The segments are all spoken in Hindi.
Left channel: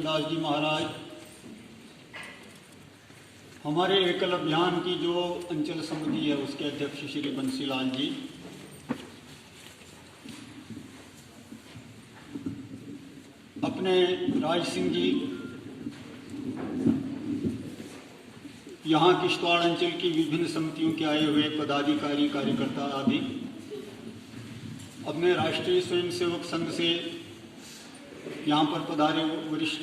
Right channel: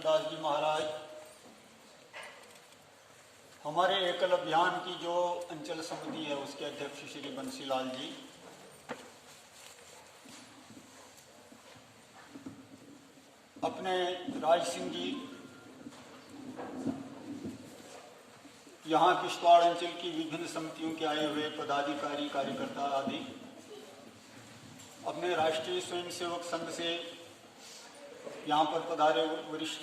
कृष्ण दास जी महाराज, हमारे एकल अभियान की जो अंचल समिति है उसके अध्यक्ष श्री बंसीलाल जी, अपने राज सिंह जी, यहाँ किश्तवाड़ अंचल की विभिन्न समितियों के आए हुए पदाधिकारी कार्यकर्ता आदि, अपने राष्ट्रीय स्वयंसेवक संघ से यहाँ पर पधारे वरिष्ठ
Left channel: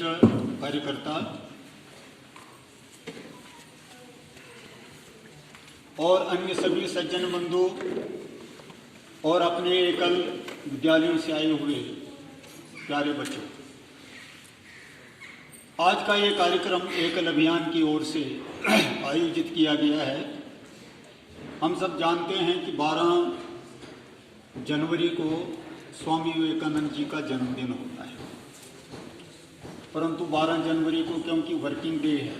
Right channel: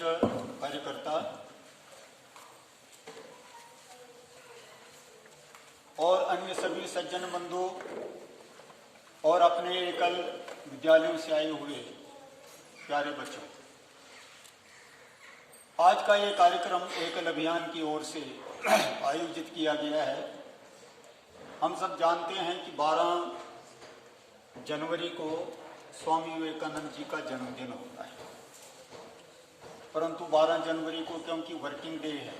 कार्यकर्ता और अन्य सभी सज्जन बंधु और अपने एकल विद्यालयों से आए हुए प्यारे बच्चों, आज का ये कार्यक्रम एकल अभियान की ओर से आयोजित किया गया है। हम सब जानते हैं कि 12 जनवरी को स्वामी विवेकानंद जी का जन्मदिन होता है, परंतु 12 जनवरी को क्योंकि वर्किंग डे है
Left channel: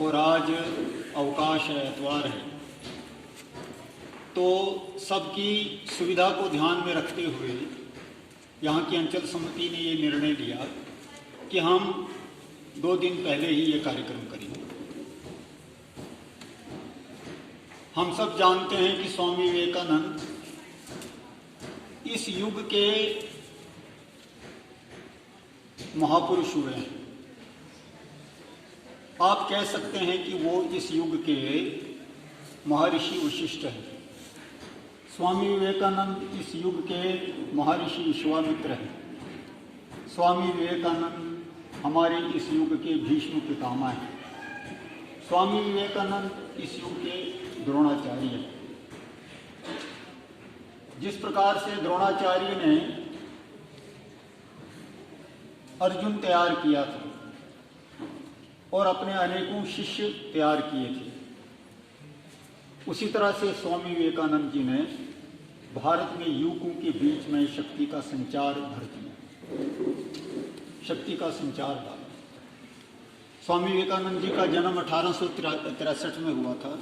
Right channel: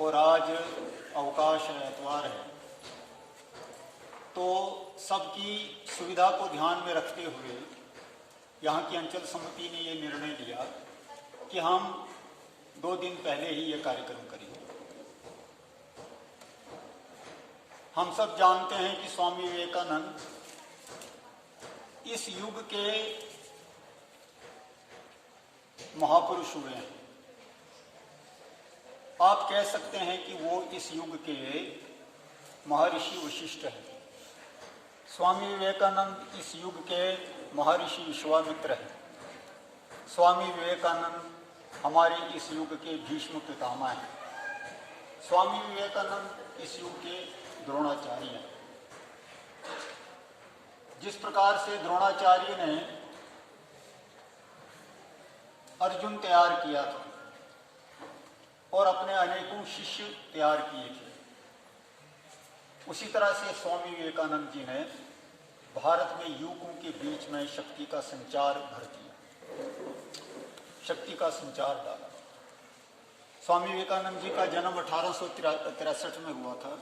और आज अवकाश है, एतवार है, तो सबकी सुविधा को ध्यान में रखते हुए यहाँ की अंचल समिति ने ये निर्णय लिया कि हम 2 दिन पहले ही ये कार्यक्रम करेंगे। हम सब जानते हैं कि स्वामी विवेकानंद इस युग के महापुरुष हुए हैं। आप कह सकते हैं कि वो इस युग के महर्षि वशिष्ठ हैं। स्वामी विवेकानंद इस युग के महर्षि विश्वामित्र हैं। स्वामी विवेकानंद हमारे इस युग के भीष्म पितामह हैं। स्वामी विवेकानंद इस युग के द्रोणाचार्य हैं। जिस प्रकार से द्रोणाचार्य ने अर्जुन तैयार किया था और अपने अनेकों शिष्य तैयार किए थे, उसी तरह से स्वामी विवेकानंद जी ने भारत में युवकों के बीच में शक्ति का संचार भर दिया, शक्ति का संचार डाला। स्वामी विवेकानंद जी का जन्म 1863 में हुआ था।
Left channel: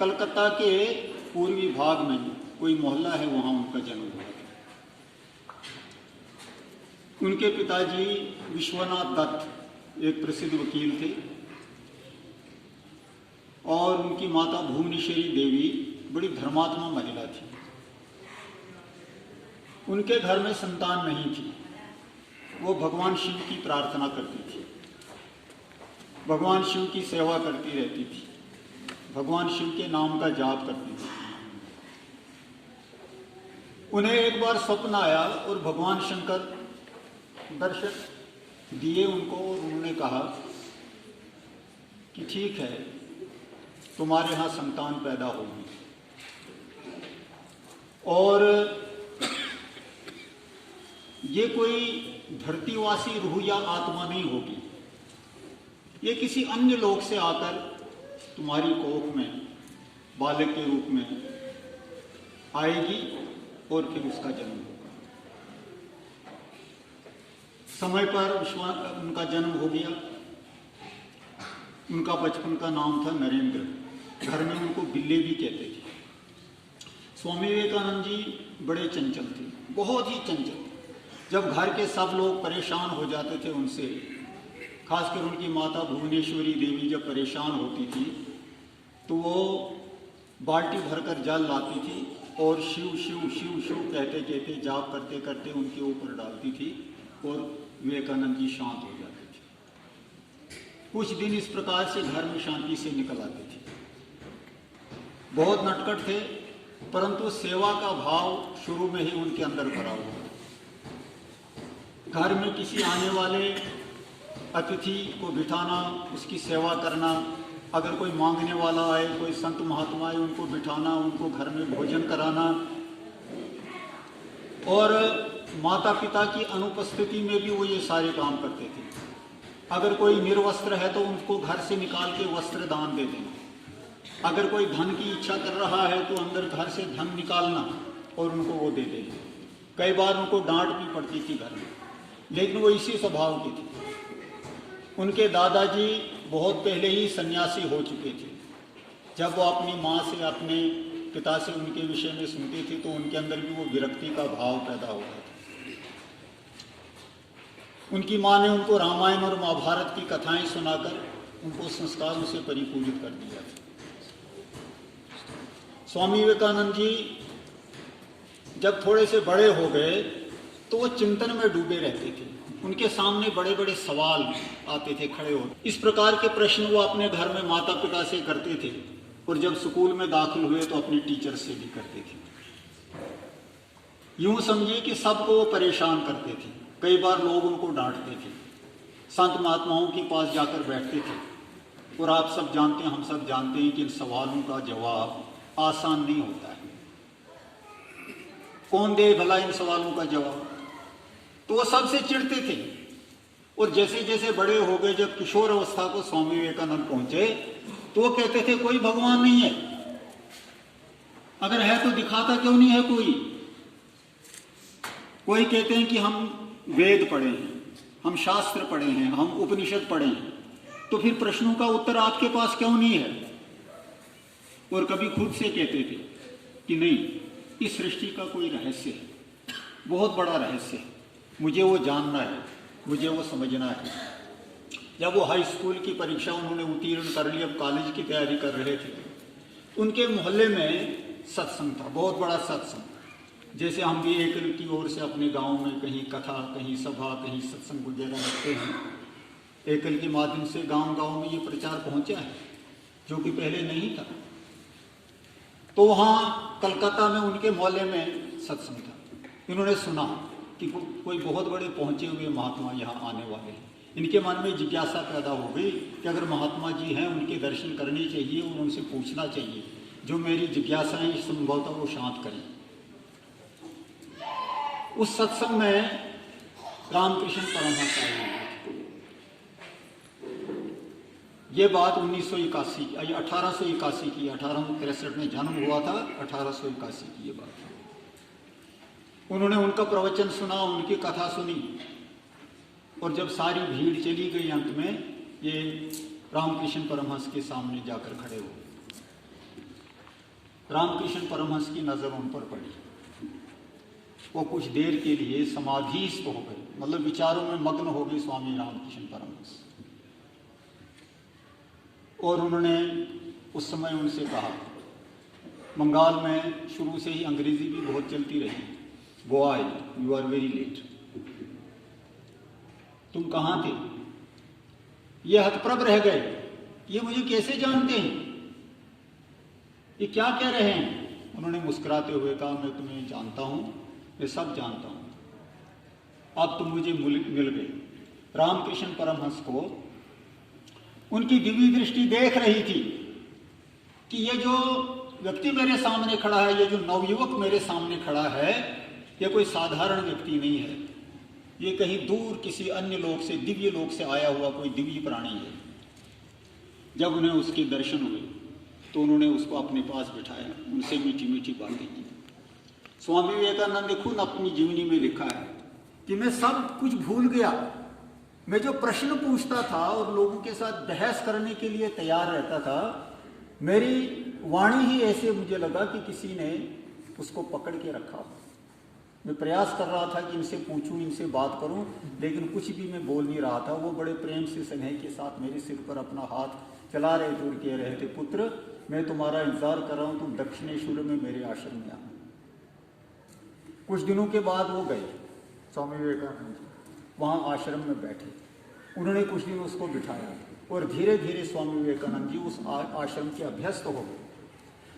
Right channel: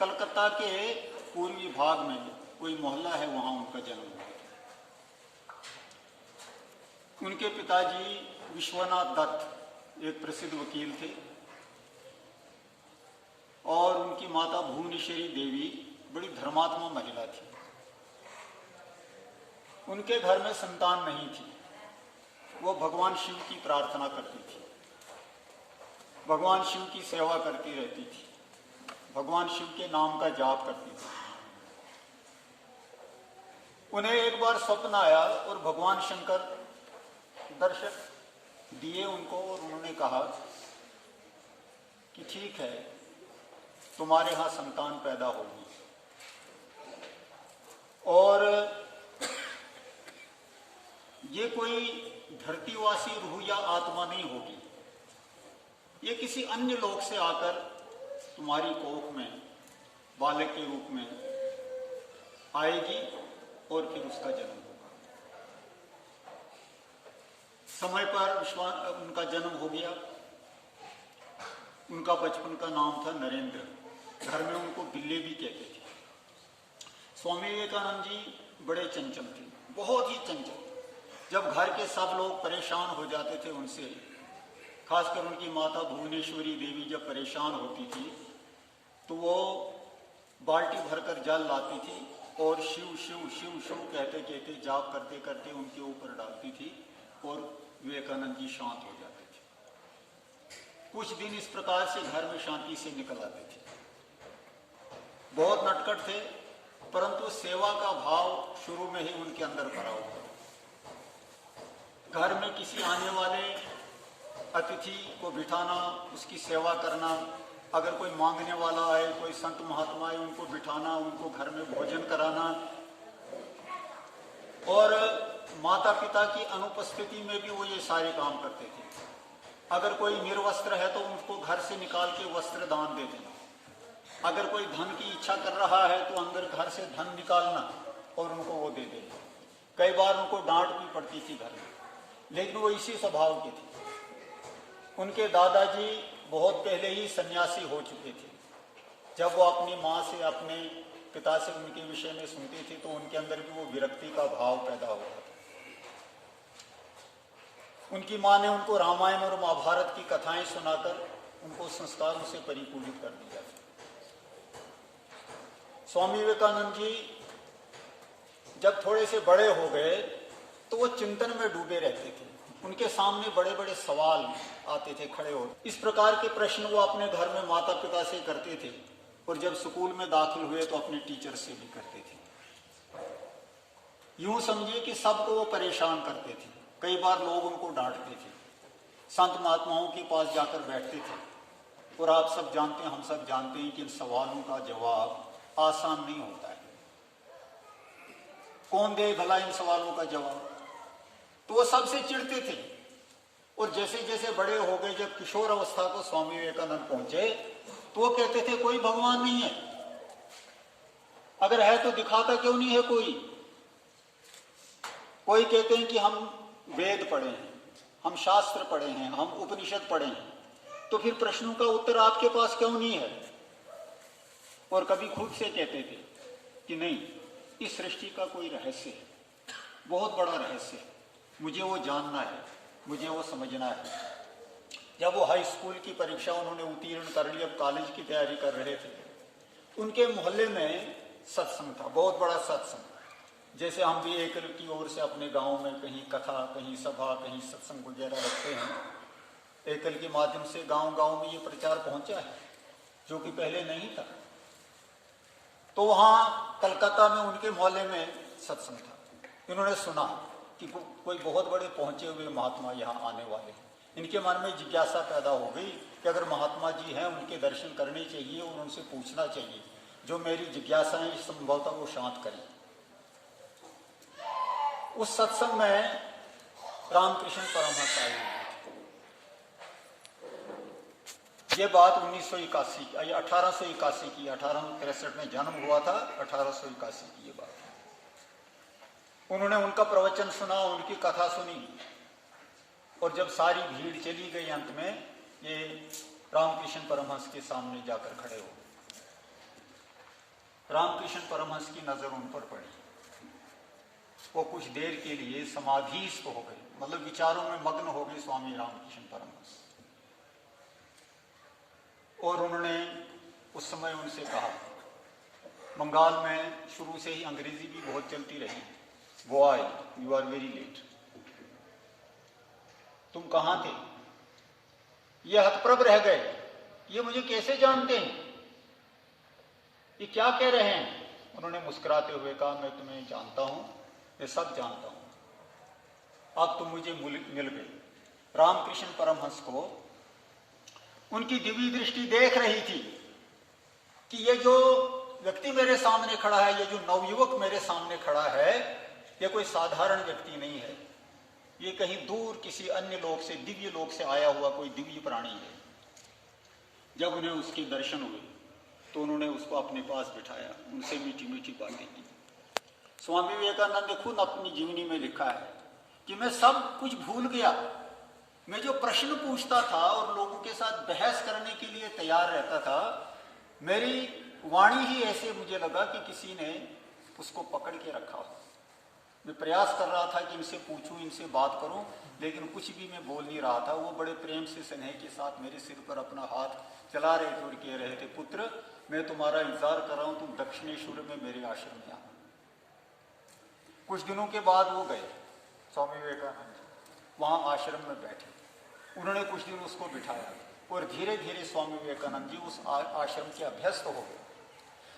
कलकत्ता के पूर्वी भाग में कोई मोहल्ला है, वहां उनका जन्म हुआ था। उनके पिताजी विश्वनाथ दत्त एक प्रसिद्ध वकील थे और उनकी माता भुवनेश्वरी देवी बड़ी धर्मात्मा महिला थी। उनके घर में संतान नहीं थी। वो भगवान शिव की प्रार्थना करती थी, भगवान शिव की सेवा करती रहती थी, भगवान शिव के नाम का जाप करती थी। उन्हें एक बार स्वप्न आया और भगवान शंकर दर्शन दिए उनको और उन्होंने कहा कि ठीक है, तुम्हारे यहाँ संतान पैदा होगी और ये कोई धरतीवासी रूह या आत्मा नहीं होगी, ये किसी अन्य लोक से आकर तुम्हारी कोख में बालक के रूप में आएगी और फिर उसका जन्म होगा। समय पर उनका जन्म हो गया। उनका बचपन का नाम था नरेंद्र। घर में उनको बिल्ले भी कहते थे। स्वामी विवेकानंद जी बड़े चंचल थे, बहुत ही चंचल। जब घर के सब लोग परेशान हो जाते थे उनसे, खासकर उनकी माता भुवनेश्वरी देवी जब परेशान होती थी तो वो बाल्टी भरकर जल लाती थी और शिव शिव शिव शिव कहते कहते जाप करते करते उनके ऊपर डालती थी और विवेकानंद जी शांत हो जाते थे। कुछ दिन इस प्रकार से घर में शांति से निकल आते थे। बहुत नटखट थे, परंतु सेवा का भाव शुरू में ही उनके अंदर भरा हुआ। घर में किसी आने वाले अतिथि को बिठाना, उसकी सेवा करना, अगर कोई मांगने वाला आए, कोई संत महात्मा आए, उनको बिठाना, उनको घर में भोजन कराना और माता पिता की अनुपस्थिति में भी वो ये सारे काम करते थे। अगर कोई निर्वस्त्र है तो उनको घर से निकाल के वस्त्र दान दे देना। अगर कोई धन की इच्छा कर रहा है तो अंदर घर से धन निकालना और उनको वो दे देना। कई बार उनको डांट भी पड़ती थी घर में, लेकिन वो इसी स्वभाव की थी। उनके दादाजी बहुत पहले ही सन्यासी हो चुके थे। जब वो अपनी माँ से, अपने पिता से उनके विषय में सुनती थी तो उनके अंदर भी वो विरक्ति का भाव पैदा हुआ था। उनकी माँ ने उनको रामायण और महाभारत की कथाएं सुनाकर उनको संस्कारों से परिपूरित कर दिया था। स्वामी विवेकानंद जी जब थोड़े से बड़े हो गए तो वो चिंतन में डूबे रहते थे। उनके सामने बड़े बड़े सवाल आते थे खड़े हो। इस प्रकार के प्रश्न वो अपने घर में माता पिता से करते थे और जब स्कूल में दाखिल हुए तो अपने टीचर से भी करते थे। यूं समझिए कि सबको वो परेशान करते थे। कई बार लोग उनको डांटते थे, संत महात्माओं के पास जाकर बैठते थे। और आप सब जानते हैं, हम सब जानते हैं कि इन सवालों का जवाब आसान नहीं होता है। कौन दे भला इन सवालों का जवाब? तो वो सबसे चिढ़ते थे। और जैसे जैसे बड़े हो गए, जब किशोर अवस्था को स्वामी विवेकानंद पहुंचे तो वो कहते थे कोई भगवान नहीं है, अगर है तो दिखाता क्यों नहीं है कोई। कोई कहते हैं कि हम वेद पढ़े हैं, हम शास्त्र पढ़े हैं, हम उपनिषद पढ़े हैं, तो फिर प्रश्नों का उत्तर आपके पास क्यों नहीं है। और कभी खुद से कहते थे कि नहीं, इस सृष्टि का कोई रहस्य है, बहुत बड़ा रहस्य है, मुझे वो जानना है, मुझे वो समझना है। जब वो हाई स्कूल की परीक्षा उन्होंने उत्तीर्ण कर ली, अब कॉलेज की तैयारी कर रहे थे, उनके मोहल्ले में सत्संग था, बहुत बड़ा सत्संग। जैसे हम भी एक की ओर से अपने गांव में कहीं कथा, कहीं सभा, कहीं सत्संग वगैरह रखते हैं, एकल के माध्यम से गांव गांव में ये प्रचार पहुंचा है, जो कि पहले नहीं था। तो वहाँ कलकत्ता में उनके मोहल्ले में सत्संग था। इन्होंने सुना कि कोई बहुत बड़े पहुंचे हुए महात्मा यहाँ आने वाले हैं। इनके मन में जिज्ञासा पैदा हो गई कि अगर महात्मा जी हैं, उनके दर्शन करने चाहिए और उनसे पूछना चाहिए, जो मेरी जिज्ञासाएं संभवतः वो शांत करें। उस सत्संग में रामकृष्ण परमहंस आए हुए थे। ये बात 1881 की, 1863 में जन्म हुआ था, 1881 की ये बात। उन्होंने उनका प्रवचन सुना, उनकी कथा सुनी, और जब सारी भीड़ चली गई, अंत में ये रामकृष्ण परमहंस के सामने जाकर खड़े हो। रामकृष्ण परमहंस की नजर उन पर पड़ी। वो कुछ देर के लिए समाधिस्थ हो गए, मतलब विचारों में मग्न हो गए स्वामी रामकृष्ण परमहंस। और उन्होंने उस समय उनसे कहा, बंगाल में शुरू से ही अंग्रेजी भी बहुत चलती रही, boy you are very late. तुम कहाँ थे? ये हतप्रभ रह गए, ये मुझे कैसे जानते हैं, ये क्या कह रहे हैं? उन्होंने मुस्कुराते हुए कहा, मैं तुम्हें जानता हूं, मैं सब जानता हूं, अब तुम मुझे मिल गए। रामकृष्ण परमहंस को उनकी दिव्य दृष्टि देख रही थी कि ये जो व्यक्ति मेरे सामने खड़ा है, ये जो नवयुवक मेरे सामने खड़ा है, ये कोई साधारण व्यक्ति नहीं है, ये कहीं दूर किसी अन्य लोक से, दिव्य लोक से आया हुआ कोई दिव्य प्राणी है। जब उन्हें उसके दर्शन हुए तो उन्होंने उसको अपने पास बिठाया, उनसे मीठी मीठी बातें की। स्वामी विवेकानंद ने खुद अपनी जीवनी में लिखा है कि मैं सब कुछ भूल गया। मैं जो प्रश्न पूछता था और लोगों के साथ बहस करने के लिए तैयार रहता था, मेरी वाणी ही ऐसे मुझे लगा कि किसी ने उसको पकड़ के रखा हो। मैं प्रयास कर रहा था कि इनसे पूछूं, इनसे बात करूं, लेकिन कुछ भी मैं बोल नहीं रहा था। वो बड़े प्रेम से, स्नेह के साथ मेरे सिर पर अपना हाथ चला रहे थे और कह रहे थे, पुत्र मैं तुम्हारा इंतजार कर रहा हूं, तुम दक्षिणेश्वर में मेरे आश्रम में आना। कुछ दिनों के बाद वो गए स्वामी विवेकानंद, वहाँ आश्रम में बैठे। उन्होंने कुछ दिन उसको बिठाया और धीरे धीरे स्वामी विवेकानंद जी उस आश्रम के अभ्यस्त हो गए।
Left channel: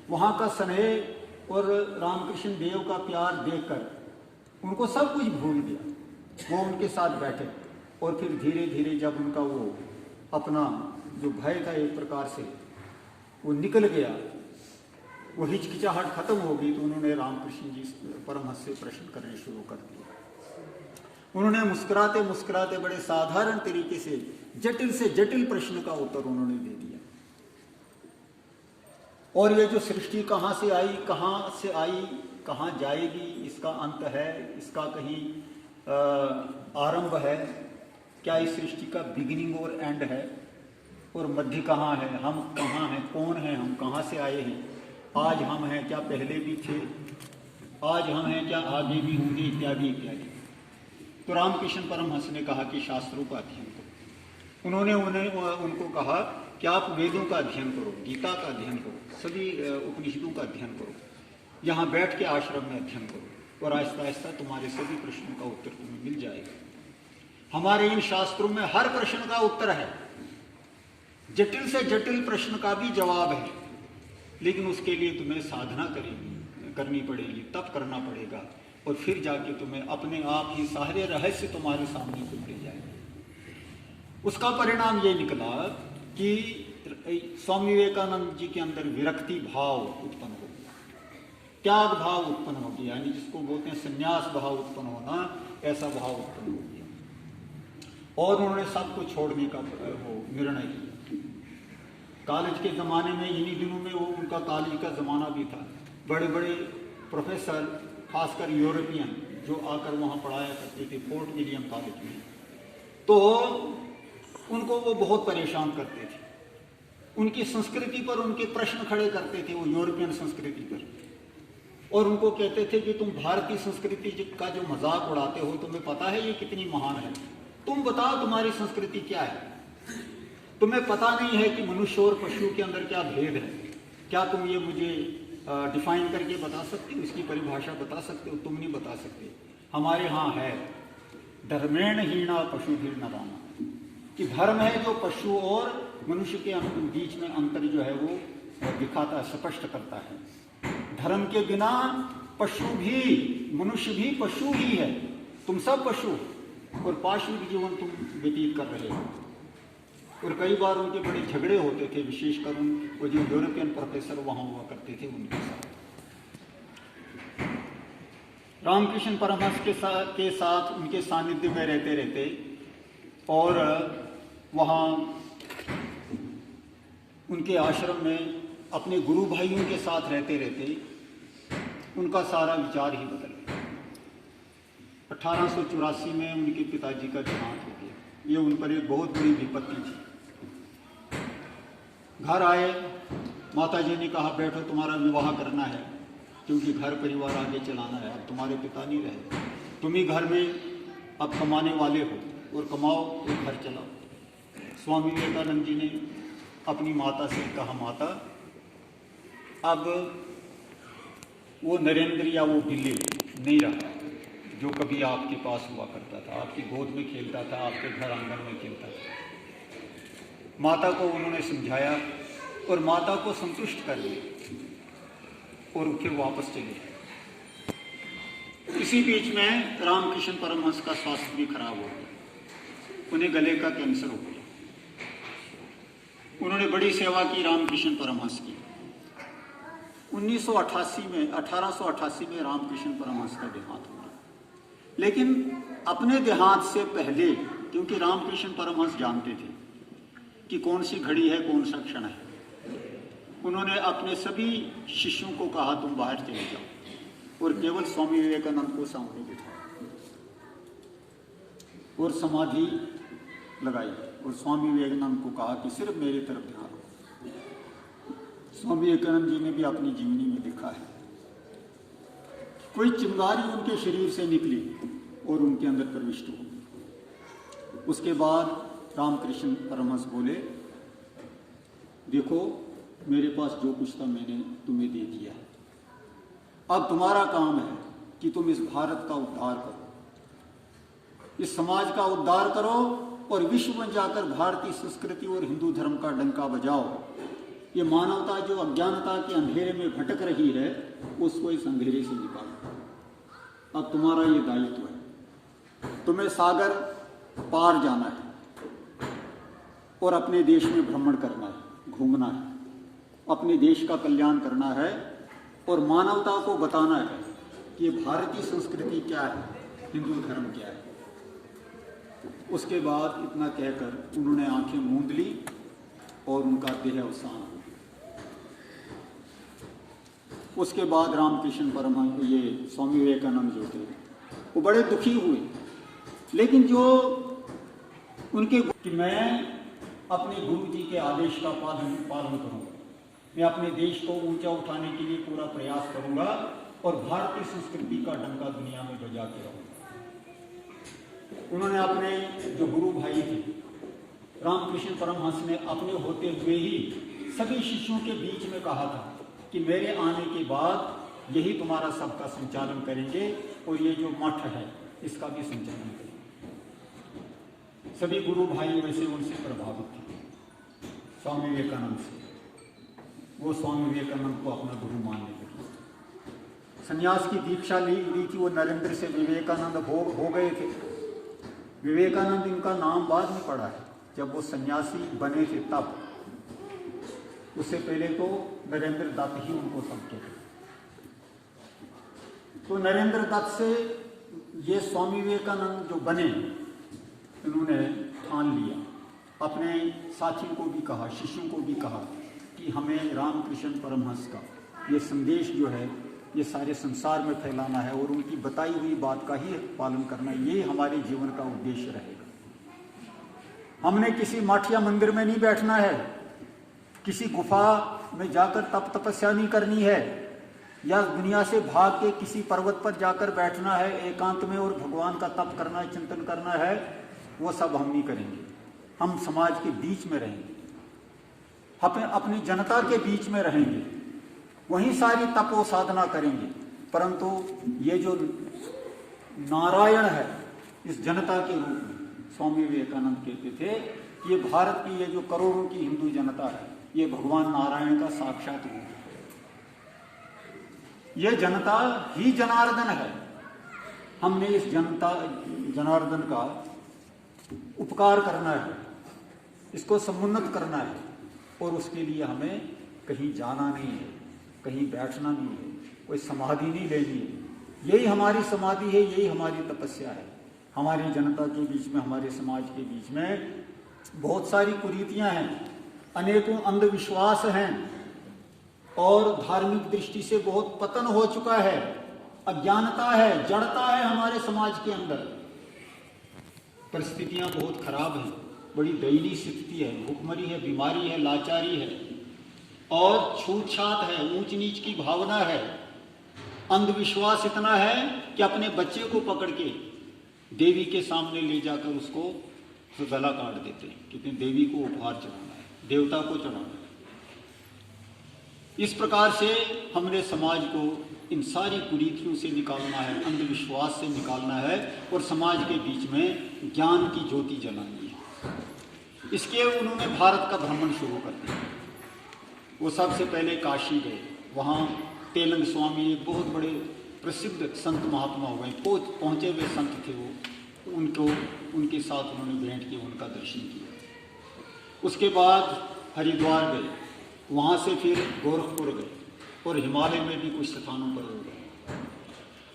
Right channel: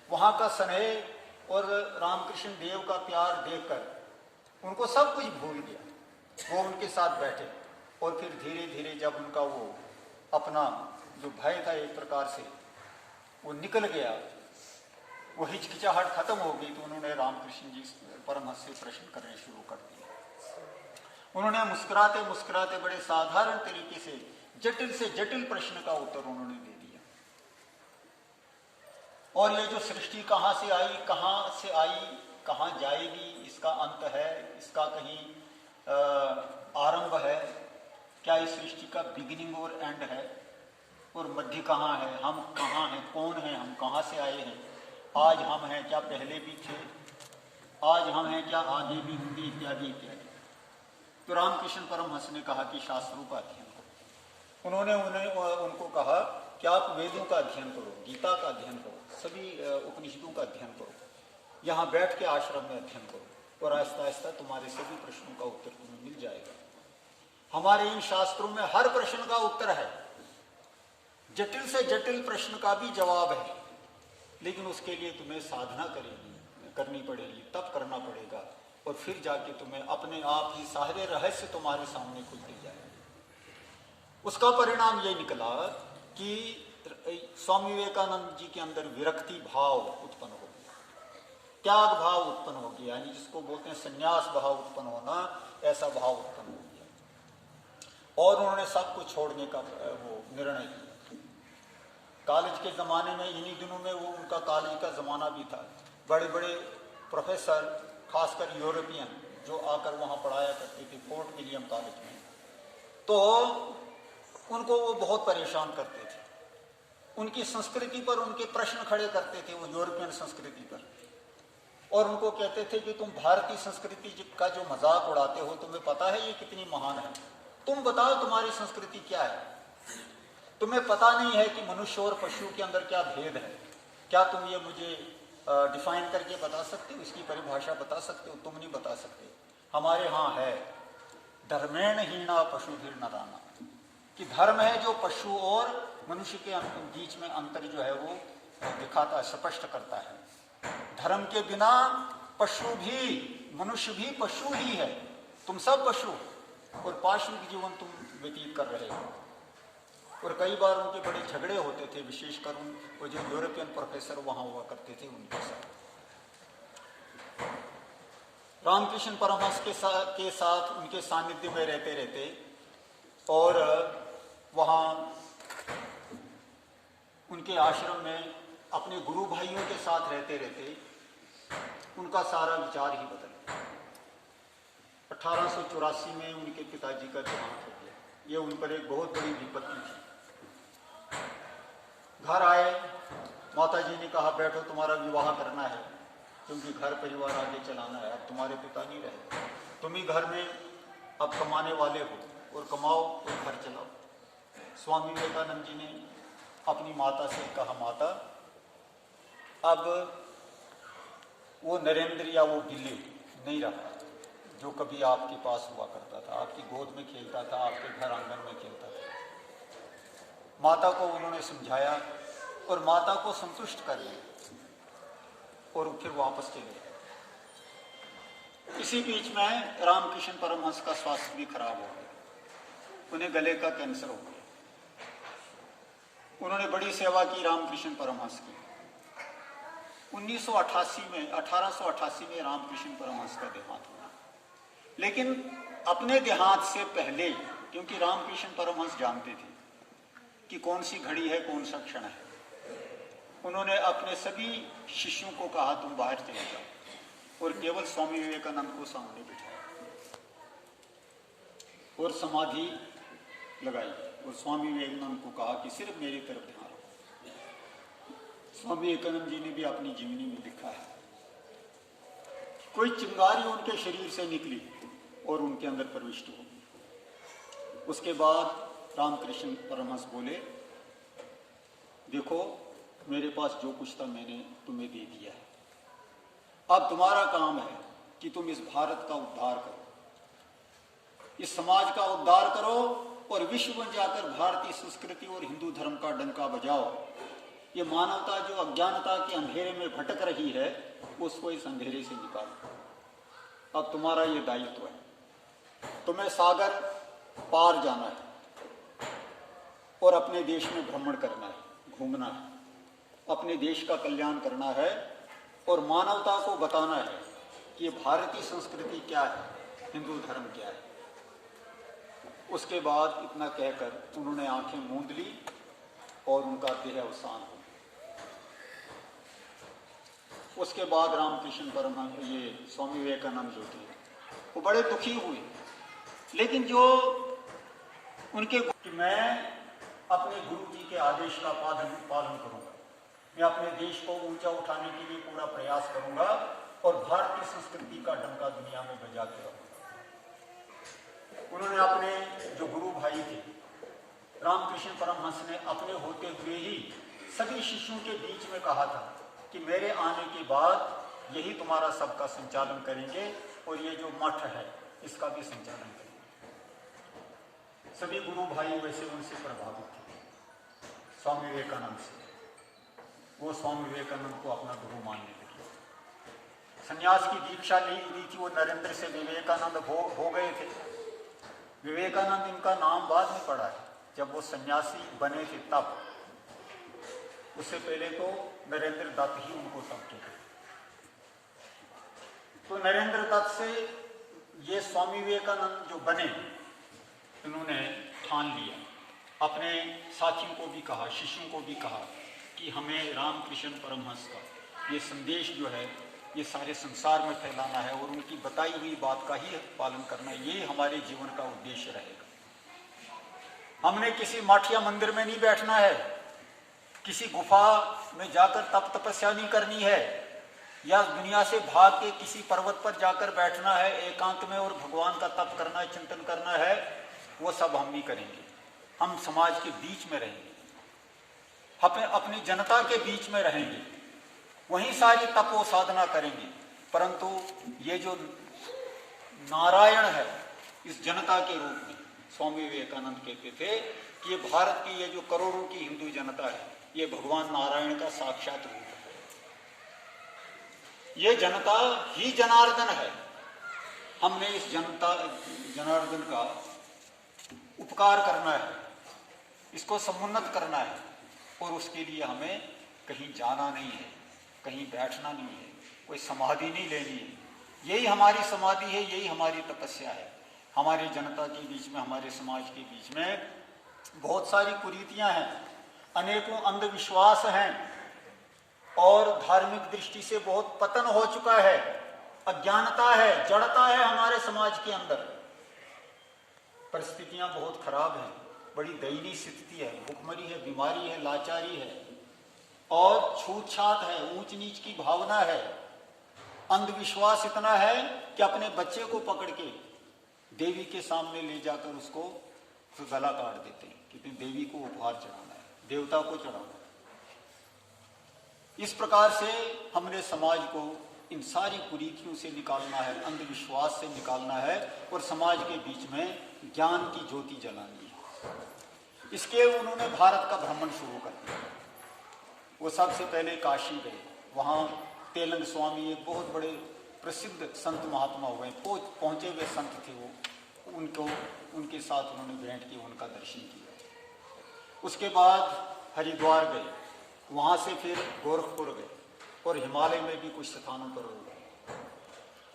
वहाँ का स्नेह और रामकृष्ण देव का प्यार देखकर उनको सब कुछ भूल गया। वो उनके साथ बैठे और फिर धीरे धीरे जब उनका वो अपना जो भय था एक प्रकार से वो निकल गया, वो हिचकिचाहट खत्म हो गई, तो उन्होंने रामकृष्ण जी परमहंस से प्रश्न करने शुरू कर दिया। उन्होंने मुस्कुराते मुस्कुराते बड़े साधारण तरीके से जटिल प्रश्न का उत्तर उन्होंने दे दिया। और ये जो सृष्टि कहाँ से आई, कहाँ जाएगी, इसका अंत है, इसका कहीं आरंभ है क्या, इस सृष्टि का बिगिनिंग और एंड है, और मध्य कहाँ है, हम कहाँ हैं, कौन हैं, हम कहाँ से आए हैं, आज हम हैं क्या पहले भी थे, आज हम हैं क्या आगे भी होंगे, इत्यादि इत्यादि। तो रामकृष्ण परमहंस ने कहा कि शास्त्रों का अध्ययन करो। उन्होंने उनको कहा कि आप वेदों का अध्ययन करो, गीता का अध्ययन करो, सभी उपनिषदों का अध्ययन करो, यहाँ बैठ के आश्रम में अध्ययन करो और आहिस्ता आहिस्ता तुम्हारे सभी प्रश्नों का उत्तर तुम्हें मिल जाएगा। हमारे इन शास्त्रों में हर प्रश्न का उत्तर है, जटिल से जटिल प्रश्न का भी जवाब है, लेकिन उसके लिए तुम्हें साधना करनी पड़ेगी, तप करना पड़ेगा, और फिर जाके तुम्हें अपने आप ही सारे रहस्य तुम्हारे सामने खुलते जाएंगे। उसका परिणाम ये निकला कि स्वामी विवेकानंद जी के अंदर विरक्ति भाव उत्पन्न हो गया, त्याग भाव उत्पन्न हो गया, यानी जिसको बोलते हैं संन्यास भाव उत्पन्न होना, ऐसा भाव उत्पन्न हो गया, और उन्होंने सब कुछ छोड़ने का वो निर्णय किया। कॉलेज के ज़माने में, इन्हीं दिनों में वो उनका कॉलेज का ज़माना भी था, बड़े बड़े प्रोफेसर, खासकर यूरोपियन, जो आकर वहाँ पढ़ाया करते थे फोर्ट विलियम कॉलेज में, तो उनको वो बहुत परेशान करते थे। उनकी संस्कृति पर उनके प्रश्न खड़े करते थे, वो यूरोपियन संस्कृति पर, और उनको कहते थे कि तुम भारतीय संस्कृति का जो मजाक उड़ाते हो, तुम्हें पता है ये कितनी महान है? तुम बताओ तुम्हारी संस्कृति क्या है? तुम्हें पता नहीं है कि मनुष्य और पशु के अंदर क्या भेद है? क्या तुम ये मुझे डिफाइन करके बता सकते हो, इसकी परिभाषा बता सकते हो? तुम नहीं बता सकते। हमारे यहाँ है धर्मेण हीना पशु भीर नराना, कि धर्म है जो पशु और मनुष्य के बीच में अंतर जो है वो दिखाता है, स्पष्ट करता है। धर्म के बिना पशु भी, मनुष्य भी पशु ही है, तुम सब पशु और पाशविक जीवन तुम व्यतीत कर रहे हो। और कई बार उनके बड़े झगड़े होते थे, विशेषकर वो जो यूरोपियन प्रोफेसर वहाँ हुआ करते थे उनके साथ। रामकृष्ण परमहंस के साथ उनके सानिध्य में रहते रहते और वहाँ उनके आश्रम में अपने गुरु भाइयों के साथ रहते रहते उनका सारा विचार ही बदल गया। 1884 में उनके पिताजी का देहांत हो गया। ये उन पर एक बहुत बड़ी विपत्ति थी। घर आए, माताजी ने कहा बैठो, तुम्हारा विवाह करना है, क्योंकि घर परिवार आगे चलाना है, तुम्हारे पिता नहीं रहे, तुम ही घर में अब कमाने वाले हो, और कमाओ और घर चलाओ। स्वामी विवेकानंद जी ने अपनी माता से कहा, माता अब वो नरेंद्र या वो बिल्ली नहीं रहा जो कभी आपके पास हुआ करता था, आपकी गोद में खेलता था, आपके घर आंगन में खेलता था। माता को उन्होंने समझाया और माता को संतुष्ट कर दिया और फिर वापस चले। इसी बीच में रामकृष्ण परमहंस का स्वास्थ्य भी खराब हो गया, उन्हें गले का कैंसर हो गया। उन्होंने बड़ी सेवा की रामकृष्ण परमहंस की। 1888 में रामकृष्ण परमहंस का देहांत हुआ। लेकिन अपने देहांत से पहले, क्योंकि रामकृष्ण परमहंस जानते थे कि कौन सी घड़ी है, कौन सा क्षण है, उन्होंने अपने सभी शिष्यों को कहा तुम बाहर चले जाओ, और केवल स्वामी विवेकानंद को सामने बिठाया और समाधि लगाई, और स्वामी विवेकानंद को कहा कि सिर्फ मेरी तरफ ध्यान रखो। स्वामी विवेकानंद जी ने भी अपनी जीवनी में लिखा है, कोई चिंगारी उनके शरीर से निकली और उनके अंदर प्रविष्ट हो। उसके बाद रामकृष्ण परमहंस बोले, देखो मेरे पास जो कुछ था मैंने तुम्हें दे दिया है, अब तुम्हारा काम है कि तुम इस भारत का उद्धार करो, इस समाज का उद्धार करो, और विश्व में जाकर भारतीय संस्कृति और हिंदू धर्म का डंका बजाओ। ये मानवता जो अज्ञानता के अंधेरे में भटक रही है, उसको इस अंधेरे से निकालो। अब तुम्हारा ये दायित्व है, तुम्हें सागर पार जाना है और अपने देश में भ्रमण करना है, घूमना है, अपने देश का कल्याण करना है और मानवता को बताना है कि ये भारतीय संस्कृति क्या है, हिंदू धर्म क्या है। उसके बाद इतना कहकर उन्होंने आंखें मूंद ली और उनका देह अवसान हो गया। उसके बाद रामकृष्ण परमहंस, ये स्वामी विवेकानंद जो थे, वो बड़े दुखी हुए, लेकिन जो उनके कि मैं अपने गुरु जी के आदेश का पालन करूंगा, मैं अपने देश को ऊंचा उठाने के लिए पूरा प्रयास करूंगा और भारतीय संस्कृति का डंका दुनिया में बजा के रहूंगा। उन्होंने अपने जो गुरु भाई थे रामकृष्ण परमहंस ने अपने होते हुए ही सभी शिष्यों के बीच में कहा था कि मेरे आने के बाद यही तुम्हारा सबका संचालन करेंगे और ये जो मठ है इसका भी संचालन करेंगे। सभी गुरु भाई वैसे उनसे प्रभावित थे स्वामी विवेकानंद से। वो स्वामी विवेकानंद को अपना गुरु मानने लगे। संन्यास की दीक्षा ली थी वो नरेंद्र से विवेकानंद हो गए थे। विवेकानंद इनका नाम बाद में पड़ा है, जब वो सन्यासी बने थे तब। उससे पहले तो नरेंद्र दत्त ही उनको समझते थे। तो नरेंद्र दत्त से ये स्वामी विवेकानंद जो बने, इन्होंने ठान लिया, अपने साथियों को भी कहा, शिष्यों को भी कहा कि हमें रामकृष्ण परमहंस का ये संदेश जो है ये सारे संसार में फैलाना है और उनकी बताई हुई बात का ही पालन करना, ये हमारे जीवन का उद्देश्य रहेगा। हमने किसी मठ या मंदिर में नहीं बैठना है, किसी गुफा में जाकर तप तपस्या नहीं करनी है, या दुनिया से भाग के किसी पर्वत पर जाकर बैठना है एकांत में और भगवान का तप करना है, चिंतन करना है, वो सब हम नहीं करेंगे। हम समाज के बीच में रहेंगे, अपनी जनता के बीच में रहेंगे, वहीं सारी तपो साधना करेंगे। परंतु ये जो नारायण है इस जनता के रूप में, स्वामी विवेकानंद कहते थे कि ये भारत की ये जो करोड़ों की हिंदू जनता है ये भगवान नारायण का साक्षात रूप है। ये जनता ही जनार्दन है। हमने इस जनता जनार्दन का उपकार करना है, इसको समुन्नत करना है और उसके लिए हमें कहीं जाना नहीं है, कहीं बैठना नहीं है, कोई समाधि नहीं लेनी है। यही हमारी समाधि है, यही हमारी तपस्या है। हमारी जनता के बीच में, हमारे समाज के बीच में बहुत सारी कुरीतियां हैं, अनेकों अंधविश्वास हैं और धार्मिक दृष्टि से बहुत पतन हो चुका है, अज्ञानता है, जड़ता है हमारे समाज के अंदर। परिस्थितियां बहुत खराब हैं, बड़ी दयनीय स्थिति है, भूखमरी है, बीमारी है, लाचारी है और छूतछात है, ऊंच नीच की भावना है, अंधविश्वास इतना है कि अपने बच्चे को पकड़ के देवी के सामने ले जाकर उसको गला काट देते हैं, क्योंकि देवी को उपहार चढ़ाना है, देवता को चढ़ाना है। इस प्रकार से हमने समाज को इन सारी कुरीतियों से निकालना है, अंधविश्वास से निकालना है और समाज के बीच में ज्ञान की ज्योति जलानी है। इसके उन्होंने भारत का भ्रमण शुरू कर दिया। वो सबसे पहले काशी गए, वहाँ तेलंग स्वामी एक बहुत बड़े प्रसिद्ध संत महात्मा हुए, पहुँचे हुए संत थे वो, उनके साथ उन्होंने भेंट की, उनका दर्शन किया। उसके बाद हरिद्वार गए, वहाँ से फिर गोरखपुर गए और हिमालय में भी कुछ स्थानों पर हो गए।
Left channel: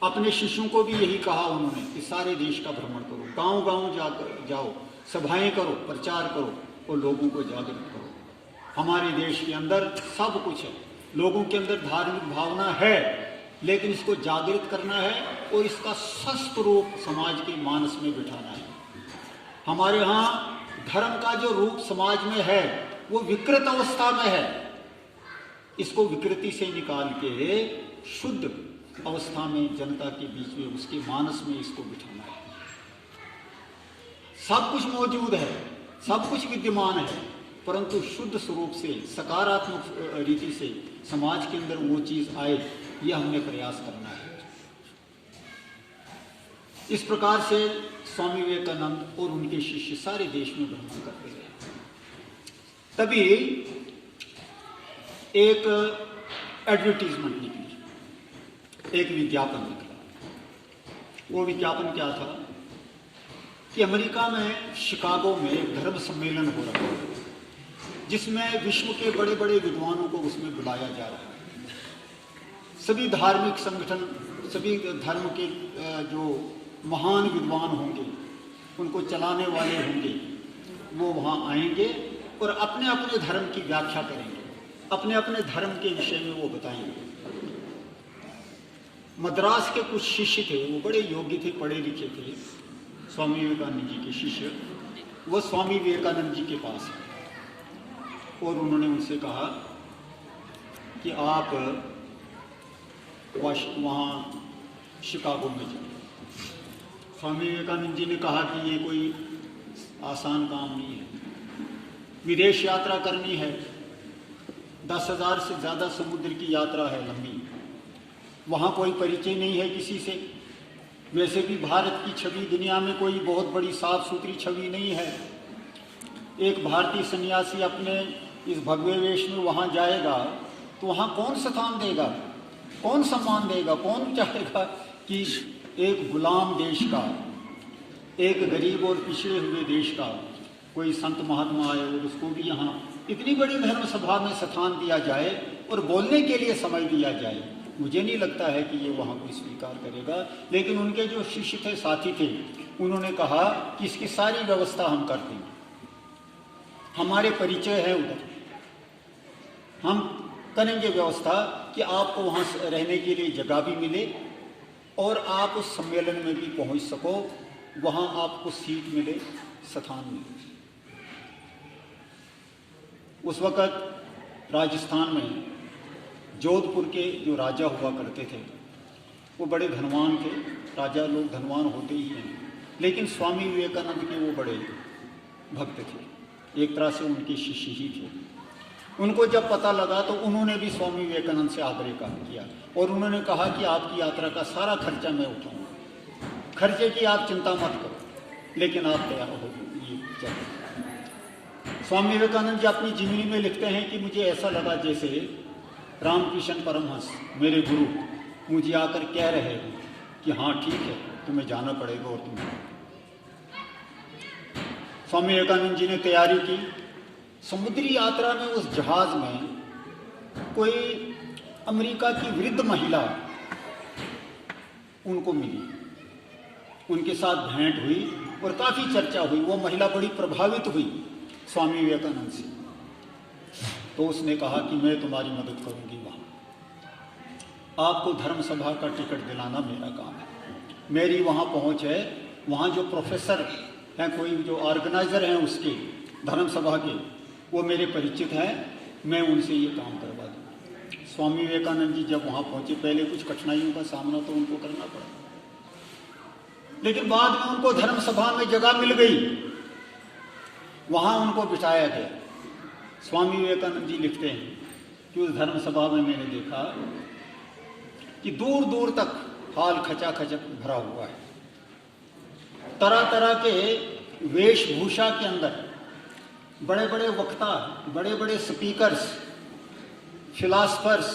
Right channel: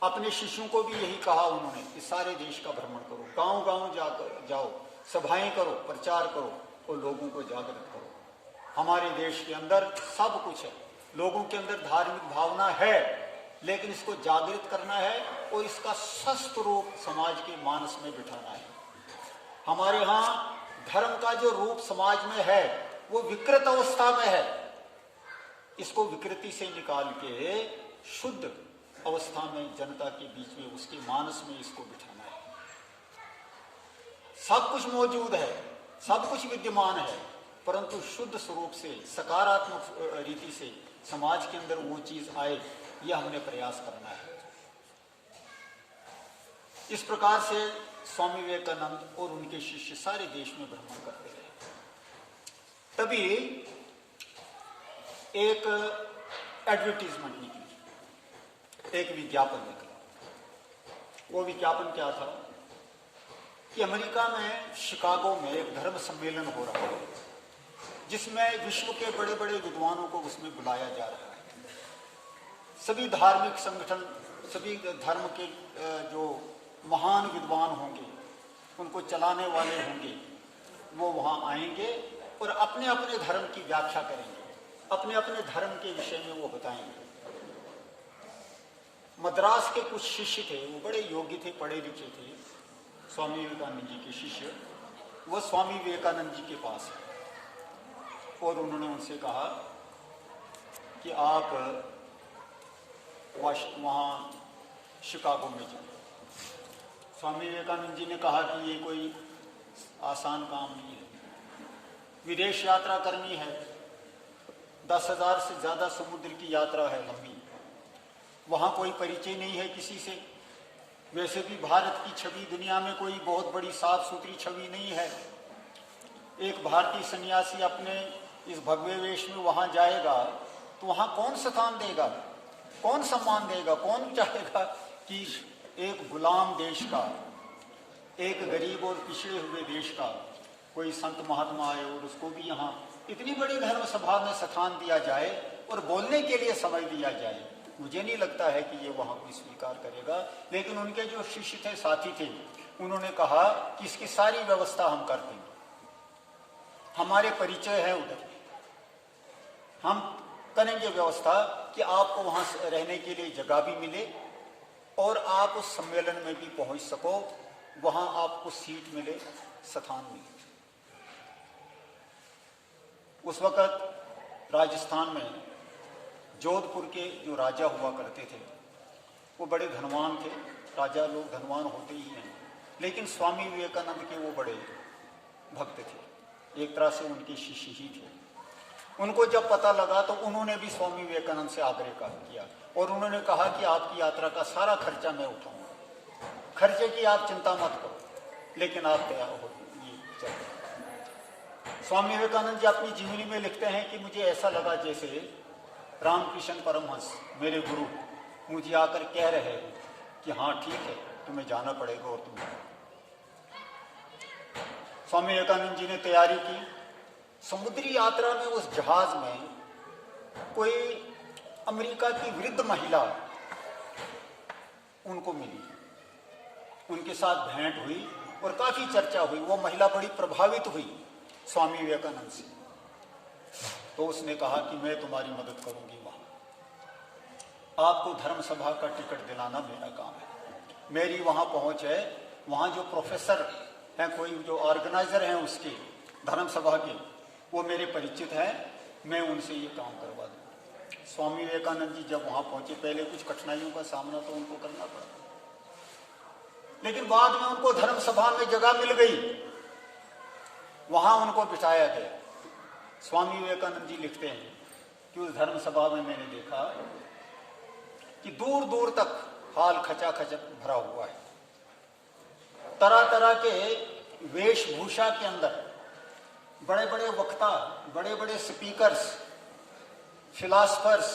अपने शिष्यों को भी यही कहा उन्होंने कि सारे देश का भ्रमण करो, गांव-गांव जाकर जाओ, सभाएं करो, प्रचार करो और लोगों को जागृत करो। हमारे देश के अंदर सब कुछ है, लोगों के अंदर धार्मिक भावना है, लेकिन इसको जागृत करना है और इसका स्वस्थ रूप समाज के मानस में बिठाना है। हमारे यहाँ धर्म का जो रूप समाज में है वो विकृत अवस्था में है, इसको विकृति से निकाल के शुद्ध अवस्था में जनता के बीच में, उसके मानस में इसको बिठाना है। सब कुछ मौजूद है, सब कुछ विद्यमान है, परंतु शुद्ध स्वरूप से, सकारात्मक रीति से समाज के अंदर वो चीज आए, यह हमने प्रयास करना है। इस प्रकार से स्वामी विवेकानंद और उनके शिष्य सारे देश में भ्रमण करते रहे। तभी एक एडवर्टीजमेंट निकली, एक विज्ञापन निकला। वो विज्ञापन क्या था कि अमेरिका में शिकागो में एक धर्म सम्मेलन हो रहा है, जिसमें विश्व के बड़े बड़े विद्वानों को उसमें बुलाया जा रहा है। सभी धार्मिक संगठन, सभी धर्म के जो महान विद्वान होंगे, उनको चलाने वाले होंगे, वो वहाँ आएंगे और अपने अपने धर्म की व्याख्या करेंगे, अपने अपने धर्म के विषय में वो बताएंगे। मद्रास के कुछ शिष्य थे, वो बड़े योग्य थे, पढ़े लिखे थे, स्वामी विवेकानंद जी के शिष्य, वो स्वामी विवेकानंद जी के पास है और उन्होंने उनसे कहा कि आप वहाँ शिकागो में जाइए। स्वामी विवेकानंद जी ने कहा कि ये कोई आसान काम नहीं है। विदेश यात्रा करनी है, 10,000 से ज़्यादा समुद्र की यात्रा है लंबी, वहाँ कोई परिचय नहीं है किसी से। वैसे भी भारत की छवि दुनिया में कोई बहुत बड़ी साफ सुथरी छवि नहीं है। एक भारतीय सन्यासी अपने इस भगवे वेश में वहाँ जाएगा तो वहाँ कौन स्थान देगा, कौन सम्मान देगा, कौन चाहेगा कि एक गुलाम देश का, एक गरीब और पिछड़े हुए देश का कोई संत महात्मा आए और उसको भी यहाँ इतनी बड़ी धर्म सभा में स्थान दिया जाए और बोलने के लिए समय दिया जाए। मुझे नहीं लगता है कि ये वहाँ कोई स्वीकार करेगा। लेकिन उनके जो शिष्य थे, साथी थे, उन्होंने कहा कि इसकी सारी व्यवस्था हम कर देंगे, हमारे परिचय है उधर, हम करेंगे व्यवस्था कि आपको वहाँ रहने के लिए जगह भी मिले और आप उस सम्मेलन में भी पहुँच सको, वहाँ आपको सीट मिले, स्थान मिले। उस वक़्त राजस्थान में जोधपुर के जो राजा हुआ करते थे वो बड़े धनवान थे। राजा लोग धनवान होते ही हैं, लेकिन स्वामी विवेकानंद के वो बड़े भक्त थे, एक तरह से उनके शिष्य ही थे। उनको जब पता लगा तो उन्होंने भी स्वामी विवेकानंद से आग्रह किया और उन्होंने कहा कि आपकी यात्रा का सारा खर्चा मैं उठाऊंगा, खर्चे की आप चिंता मत करो, लेकिन आप तैयार हो ये चलो। स्वामी विवेकानंद जी अपनी जीवनी में लिखते हैं कि मुझे ऐसा लगा जैसे रामकृष्ण परमहंस, मेरे गुरु, मुझे आकर कह रहे हैं कि हाँ ठीक है, तुम्हें जाना पड़ेगा और तुम जाओ। स्वामी विवेकानंद जी ने तैयारी की। समुद्री यात्रा में उस जहाज में कोई अमेरिका की वृद्ध महिला उनको मिली, उनके साथ भेंट हुई और काफ़ी चर्चा हुई। वो महिला बड़ी प्रभावित हुई स्वामी विवेकानंद से, तो उसने कहा कि मैं तुम्हारी मदद करूंगी, वहाँ आपको धर्म सभा का टिकट दिलाना मेरा काम है। मेरी वहाँ पहुँच है, वहाँ जो प्रोफेसर हैं, कोई जो ऑर्गेनाइजर हैं उसके धर्म सभा के, वो मेरे परिचित हैं, मैं उनसे ये काम करवा दूँ। स्वामी विवेकानंद जी जब वहाँ पहुँचे, पहले कुछ कठिनाइयों का सामना तो उनको करना पड़ा, लेकिन बाद में उनको धर्म सभा में जगह मिल गई, वहाँ उनको बिठाया गया। स्वामी विवेकानंद जी लिखते हैं कि उस धर्म सभा में मैंने देखा कि दूर दूर तक हाल खचाखच भरा हुआ है। तरह तरह के वेशभूषा के अंदर बड़े बड़े वक्ता, बड़े बड़े स्पीकर्स, फिलासफर्स,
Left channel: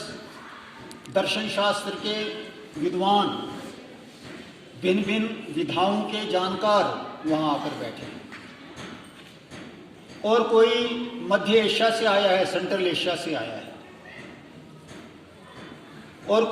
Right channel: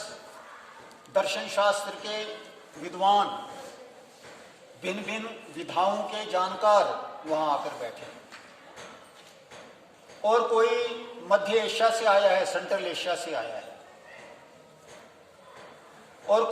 दर्शन शास्त्र के विद्वान, भिन्न भिन्न विधाओं के जानकार वहाँ आकर बैठे हैं। और कोई मध्य एशिया से आया है, सेंट्रल एशिया से आया है, और कोई